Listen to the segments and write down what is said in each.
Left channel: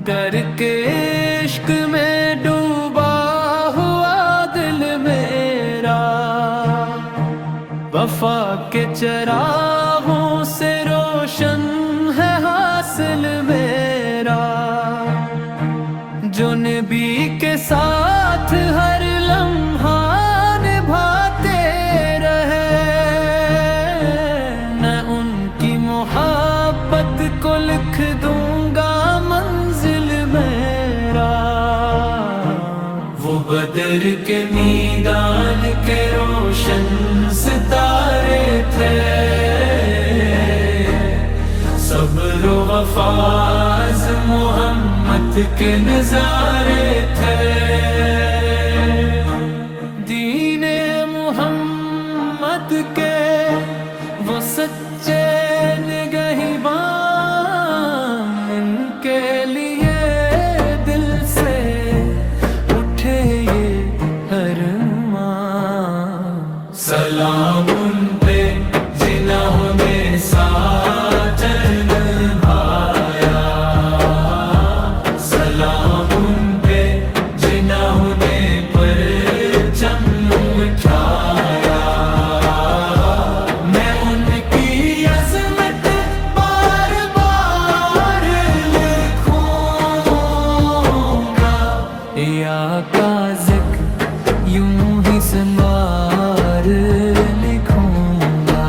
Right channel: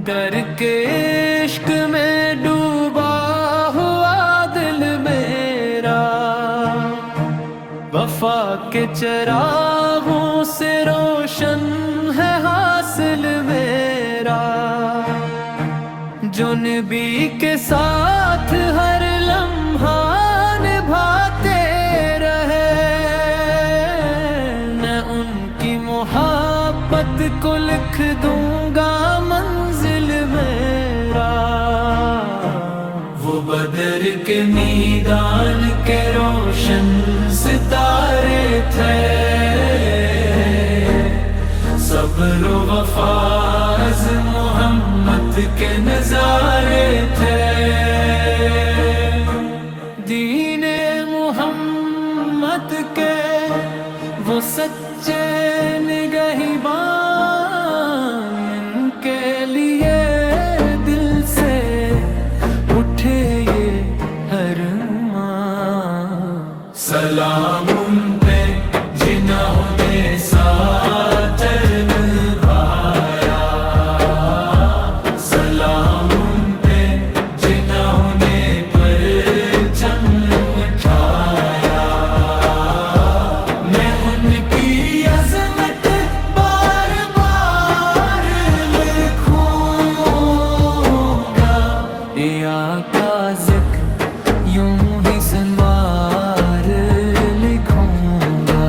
डर के इश्क में डूबा हुआ दिल मेरा, वफा के चरागों से रोशन है हासिल मेरा। जो नबी के साथ हर लम्हा निभाते रहे, मैं उनकी मोहब्बत को लिख दूंगा मंजिल मेरा। वो बदर के मैदान के रोशन सितारे थे, सब्र वफाज मोहम्मद के नजारे थे। दीने मोहम्मद के वो सच्चे निगहबान, इनके लिए दिल से उठे ये अरमान। सलाम उन पे जिन्होंने साथ निभाया, सलाम उन पे जिन्होंने परचम उठाया। मैं उनकी अज़मत बार बार लिखूंगा, या का ज़िक्र यूं ही संवार लिखूंगा।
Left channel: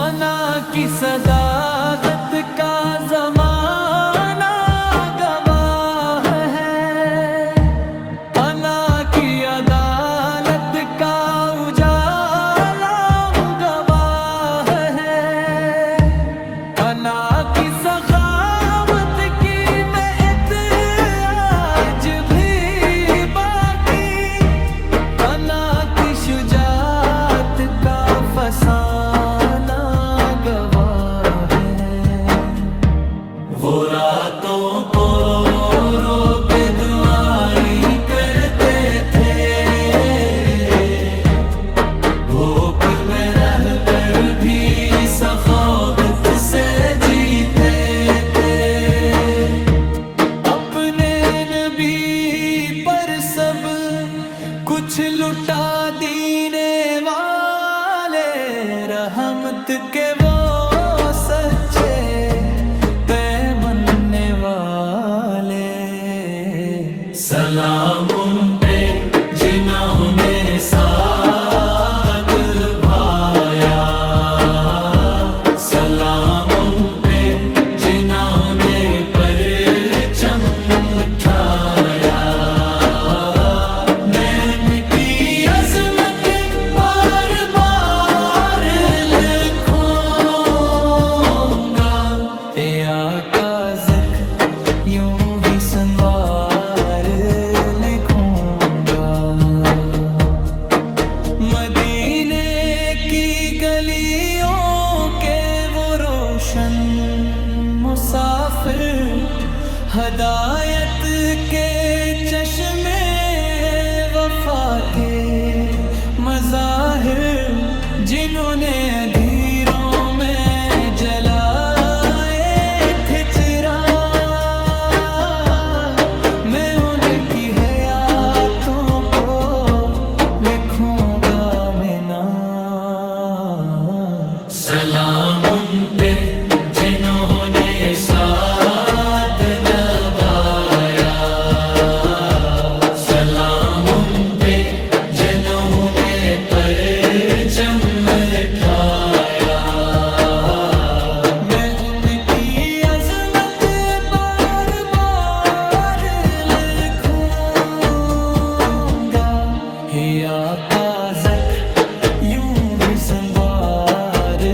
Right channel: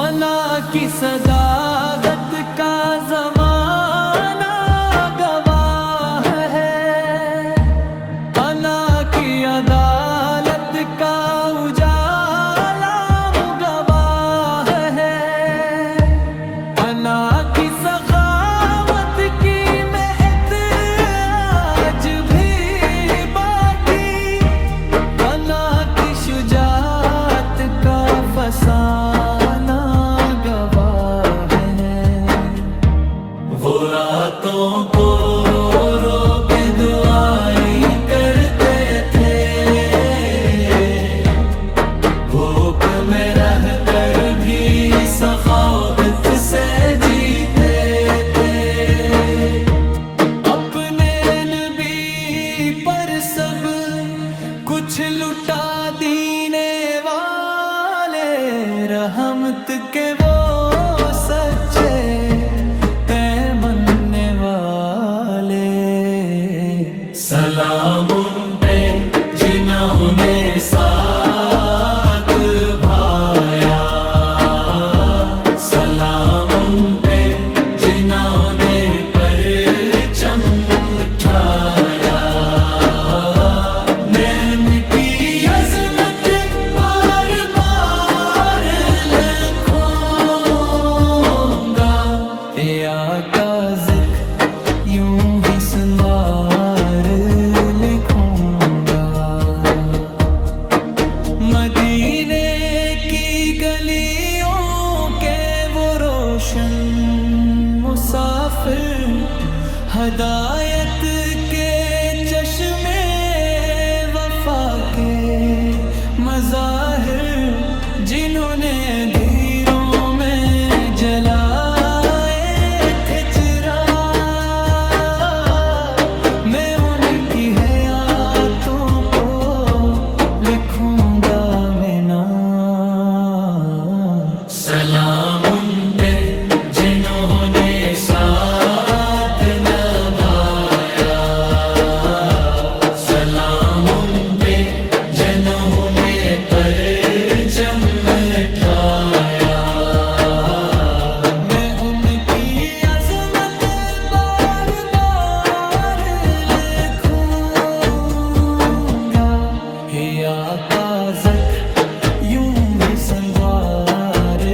अना की सदाकत का ज़माना गवाह है, अना की अदालत का उजाला गवाह है। अना की सखावत की महक आज भी बाकी, अना की शुजाअत का फसाना गवाह है। वो रातों को रो रो के दुआएं करते थे, भूख में रह कर भी सखावत से जीते थे। अपने नबी पर सब कुछ लुटा दीने वाले, रहमत के वो सच्चे पैमने वाले। सलाम उन पे जिन्होंने साथ भाया, सलाम उन पे जिन्होंने परचम उठाया। मैं उनकी अज़मत बार बार लिखूंगा, या का ज़िक्र यूं ही संवार लिखूंगा। मदीने की गलियों के वो रोशन मुसाफिर, हदायत के चश्मे वफा के मज़ाहिर, जिन्होंने अंधेरों में जलाए थे चिराग। मैं उनकी हयातों को लिखूंगा मैं नाम। सलाम उन पे जिन्होंने साथ निभाया, का जट यूं ही संवार